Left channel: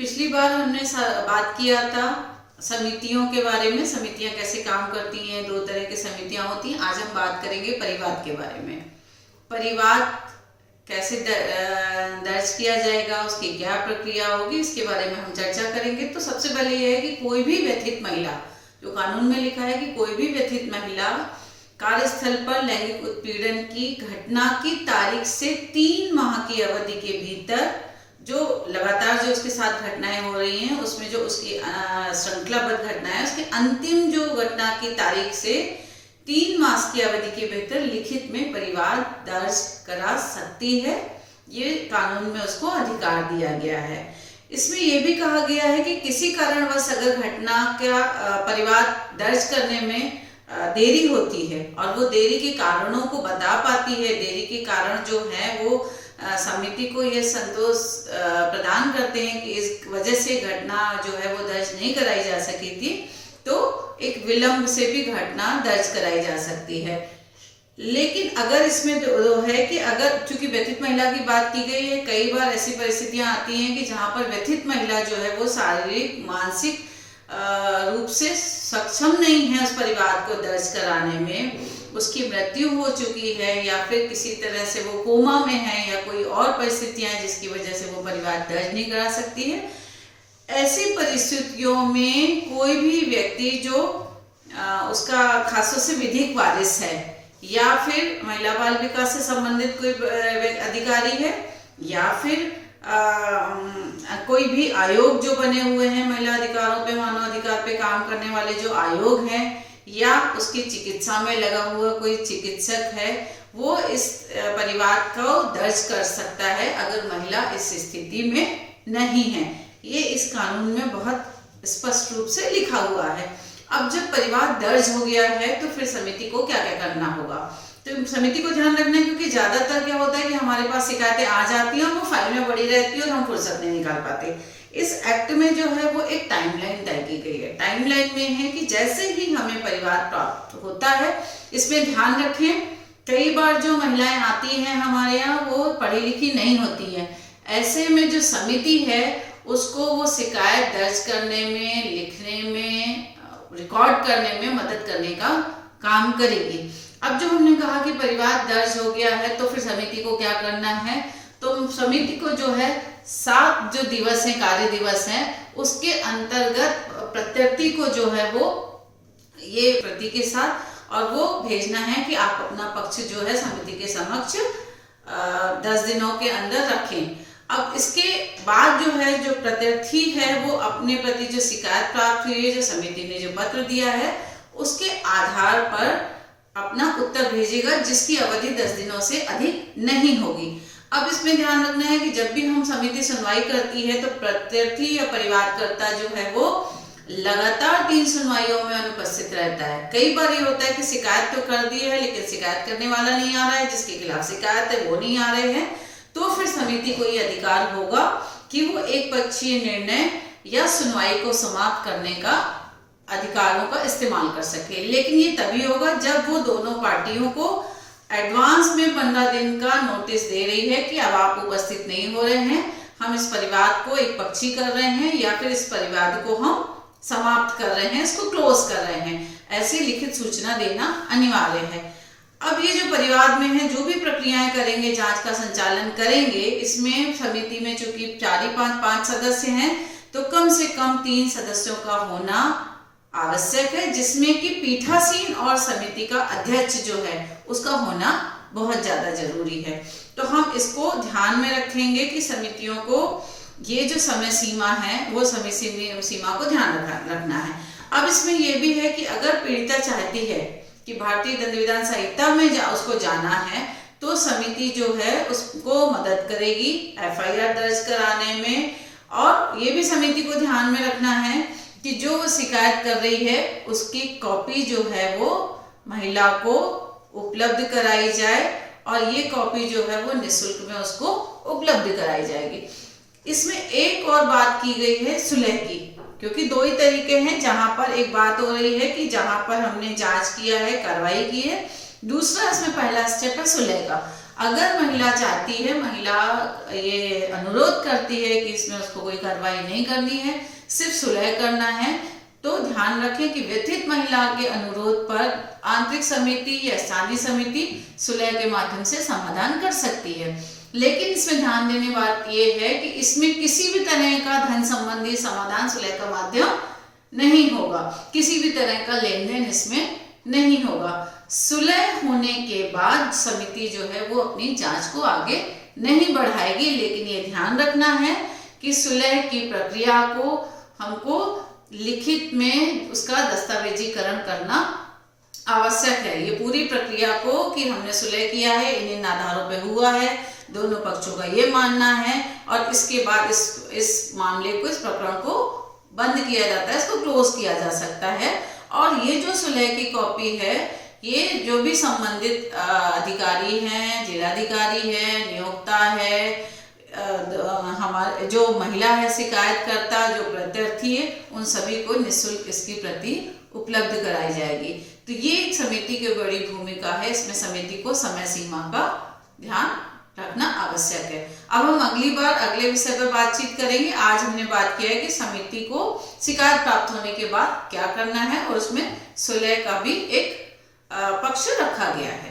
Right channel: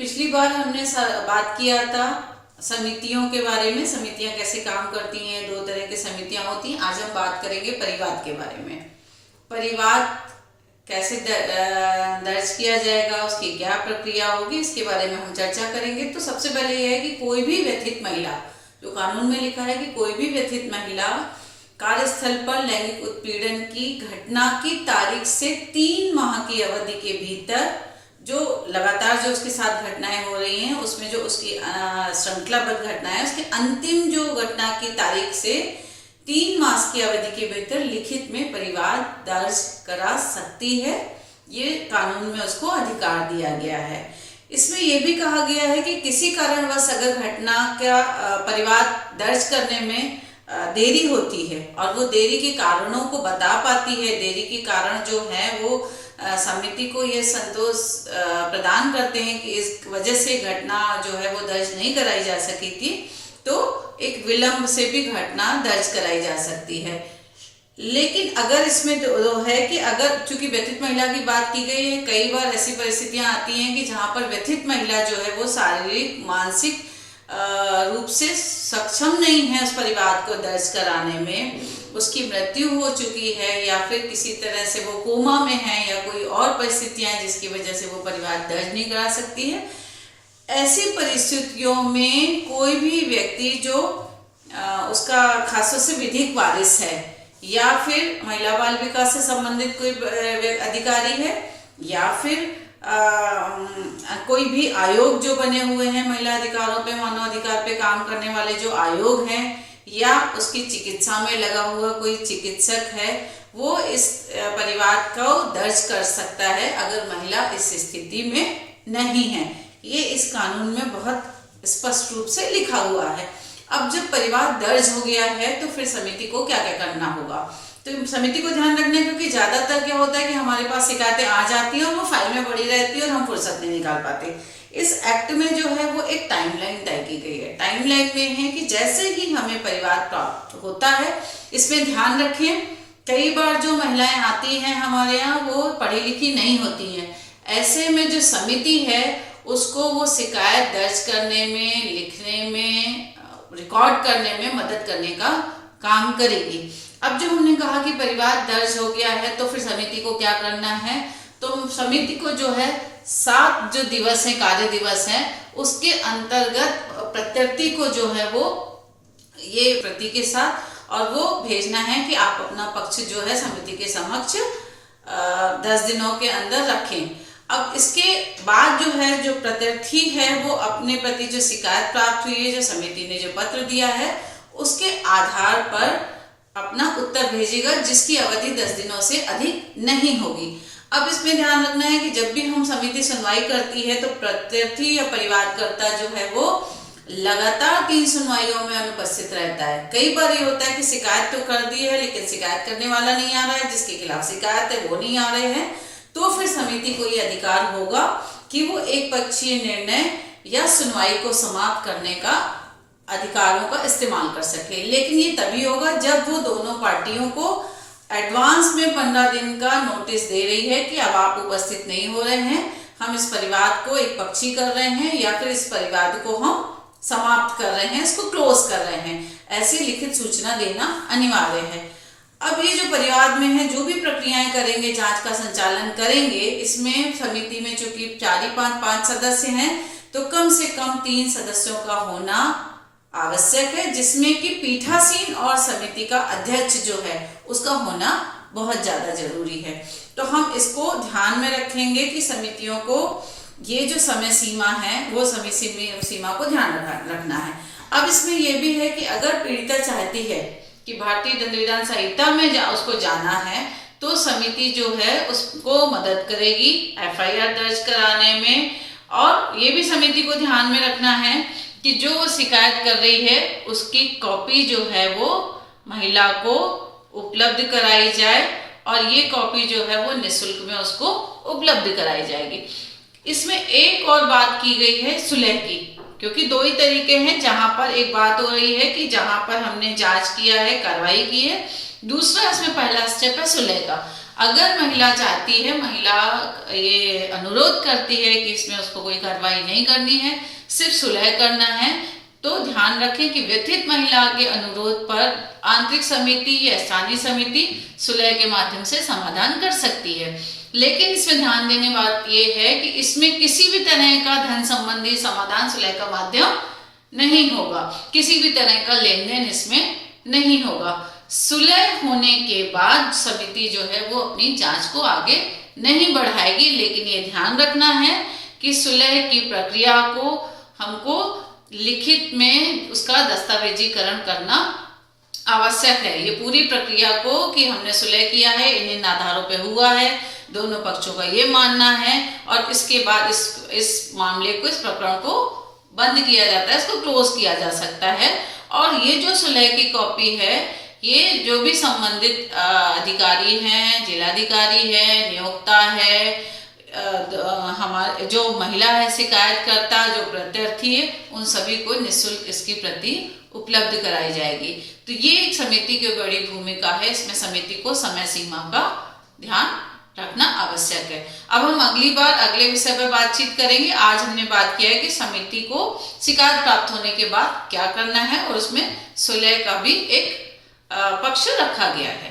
पिछली बार हमने बात किया था समितियों के बारे में। समितियां कैसे काम करती हैं, दो तरह की समितियां होती हैं। आज हम बात करेंगे परिवाद के बारे में। परिवाद कैसे दर्ज किया जाएगा, उसकी क्या प्रक्रिया होगी, इसके बारे में हम चर्चा करेंगे। तो सबसे पहले यह है कि कोई भी व्यथित महिला, जो कानून में लिखा है कि कोई भी व्यथित महिला कार्यस्थल पर लैंगिक उत्पीड़न की घटना की तारीख से 3 माह की अवधि के भीतर, जो लगातार जो उसके साथ घटनाएं हो रही हैं उसमें जो उसकी श्रृंखलाबद्ध घटनाएं है, उसके अंतिम जो घटना की तारीख से 3 मास की अवधि के भीतर लिखित में परिवाद दर्ज करा सकती है। ये कानून में उसको अधिकार दिया गया है। इसमें यह भी कहा गया है कि किसी कारणवश अगर घटना का परिवाद दर्ज करने में देरी होती है और वो देरी के कारणों को बता पाती है, देरी के कारण जो है वो समिति को ये संतोष प्रदान करते हैं कि इस वजह से घटना जो है वो दर्ज नहीं कराई जा सकी थी, तो एक विलंब से भी घटना दर्ज कराई जा सकती है। लेकिन अगर इसमें दो है कि अगर चूंकि व्यथित महिला की बात की गई है, कई बार ऐसी परिस्थितियां आती हैं कि जहां पर व्यथित महिला जो है वो शारीरिक मानसिक रूप से सक्षम नहीं है उस परिवाद को दर्ज कराने में, उसकी मृत्यु हो चुकी है या फिर किसी तरह से वो कोमा में है या कोई और परिस्थितियां हैं जिसकी वजह से वो परिवाद दर्ज नहीं करा सकती है। ऐसी परिस्थितियों में कोई भी व्यक्ति जो उसका खासतौर से विधिक वारिस है या फिर महिला बाल विकास से संबंधित कोई अधिकारी है या फिर कोई भी आयोग जो बने हुए हैं महिला अधिकारों पे, मानव अधिकार पे काम करने वाले जो आयोग हैं, या उसकी चिकित्सा में लगा हुआ कोई चिकित्सक है, वो इस परिवाद को दर्ज कर सकता है अगर महिला इस स्थिति में नहीं है। ये इस कानून में बहुत स्पष्ट रूप से लिखा हुआ है। अब जब परिवाद दर्ज हो गया है तो फिर समिति को क्या क्या करना होगा, तो समिति को ध्यान रखना है क्योंकि ज्यादातर क्या होता है कि हमारे पास शिकायतें आ जाती हैं और वो फाइल में पड़ी रहती है और हम फुर्सत नहीं निकाल पाते। इस एक्ट में जो है वो एक टाइमलाइन तय की गई है। टाइमलाइन में है कि जैसे ही हमें परिवाद प्राप्त होता है, इसमें ध्यान रखें कई बार जो महिलाएं आती हैं हमारे यहाँ वो पढ़ी लिखी नहीं होती हैं। ऐसे में जो समिति है उसको वो शिकायत दर्ज करने में, लिखने में, रिकॉर्ड करने में मदद करने का काम करेगी। अब जो हमने कहा कि परिवाद दर्ज हो गया है तो फिर समिति को क्या करना है, तो समिति को जो है 7 जो दिवस है, कार्य दिवस है, उसके अंतर्गत प्रत्यर्थी को जो है वो ये प्रति के साथ और वो भेजना है कि आप अपना पक्ष जो है समिति के समक्ष 10 दिनों के अंदर रखें। अब इसके बाद जो है जो प्रत्यर्थी है वो अपने प्रति जो शिकायत प्राप्त हुई है, जो समिति ने जो पत्र दिया है, उसके आधार पर अपना उत्तर भेजेगा जिसकी अवधि 10 दिनों से अधिक नहीं होगी। अब इसमें ध्यान रखना है कि जब भी हम समिति सुनवाई करती है तो प्रत्यर्थी या परिवादकर्ता जो है वो लगातार 3 सुनवाइयों में अनुपस्थित रहता है। कई बार ये होता है कि शिकायत तो कर दी है लेकिन शिकायत करने वाला नहीं आ रहा है, जिसके खिलाफ शिकायत है वो नहीं आ रहे हैं, तो फिर समिति को ये अधिकार होगा कि वो एक पक्षीय निर्णय या सुनवाई को समाप्त करने का अधिकारों का इस्तेमाल कर सके। लेकिन ये तभी होगा जब वो दोनों पार्टियों को एडवांस में 15 दिन का नोटिस दे रही है कि अब आप उपस्थित नहीं हो रहे हैं, हम इस परिवाद को एक पक्षी कर रहे हैं या फिर इस परिवाद को हम समाप्त कर रहे हैं, इसको क्लोज कर रहे हैं। ऐसी लिखित सूचना देना अनिवार्य है। अब ये जो परिवाद में है जो भी प्रक्रियाएं करेंगे, जांच का संचालन करेंगे, इसमें समिति में चूंकि 4-5 सदस्य हैं तो कम से कम 3 सदस्यों का होना आवश्यक है, जिसमें कि पीठासीन और समिति का अध्यक्ष जो है उसका होना बहुत ज्यादा जरूरी है। तो हम इसको ध्यान में रखेंगे कि समितियों को ये जो समय सीमा है वो समय सीमा को ध्यान रखना है। अब इसमें यह भी है कि अगर पीड़िता चाहती है कि भारतीय दंड विधान संहिता में उसको जाना है तो समिति जो है उसको मदद करेगी FIR दर्ज कराने में। और ये भी समिति को ध्यान में रखना है कि जो वो शिकायत कर रही है उसकी कॉपी जो है वो महिला को उपलब्ध कराई जाए और ये कॉपी जो है वो निःशुल्क में उसको उपलब्ध कराई जाएगी। इसमें एक और बात की गई है सुलह की, क्योंकि 2 ही तरीके हैं। जहां पर एक बात हो रही है कि जहां पर हमने जांच किया है, कार्रवाई की है, दूसरा इसमें पहला स्टेप है सुलह का। अगर महिला चाहती है, महिला ये अनुरोध करती है कि इसमें उसको कोई कार्रवाई नहीं करनी है, सिर्फ सुलह करना है, तो ध्यान रखें कि व्यथित महिला के अनुरोध पर आंतरिक समिति या स्थानीय समिति सुलह के माध्यम से समाधान कर सकती है। लेकिन इसमें ध्यान देने बात यह है कि इसमें किसी भी तरह का धन संबंधी समाधान सुलह का माध्यम नहीं होगा, किसी भी तरह का लेन देन इसमें नहीं होगा। सुलह होने के बाद समिति जो है वो अपनी जांच को आगे नहीं बढ़ाएगी, लेकिन ये ध्यान रखना है कि सुलह की प्रक्रिया को हमको लिखित में उसका दस्तावेजीकरण करना आवश्यक है। ये पूरी प्रक्रिया को कि हमने सुलह किया है, इन आधारों पे हुआ है, दोनों पक्षों का ये मानना है, और इसके बाद इस मामले को, इस प्रकरण को बंद किया जाता है, इसको क्लोज किया जा सकता है। और ये जो सुलह की कॉपी है, ये जो भी संबंधित अधिकारी हैं, जिलाधिकारी है, नियोक्ता है, हमारे जो महिला है शिकायतकर्ता, जो प्रत्यर्थी है, उन सभी को निःशुल्क इसकी प्रति उपलब्ध कराई जाएगी। तो ये एक समिति की बड़ी भूमिका है, इसमें समिति को समय सीमा का ध्यान रखना आवश्यक है। अब हम अगली बार अगले विषय पर बातचीत करेंगे। आज हमने बात किया है कि समिति को शिकायत प्राप्त होने के बाद क्या करना है, और उसमें सुलह का भी एक पक्ष रखा गया है।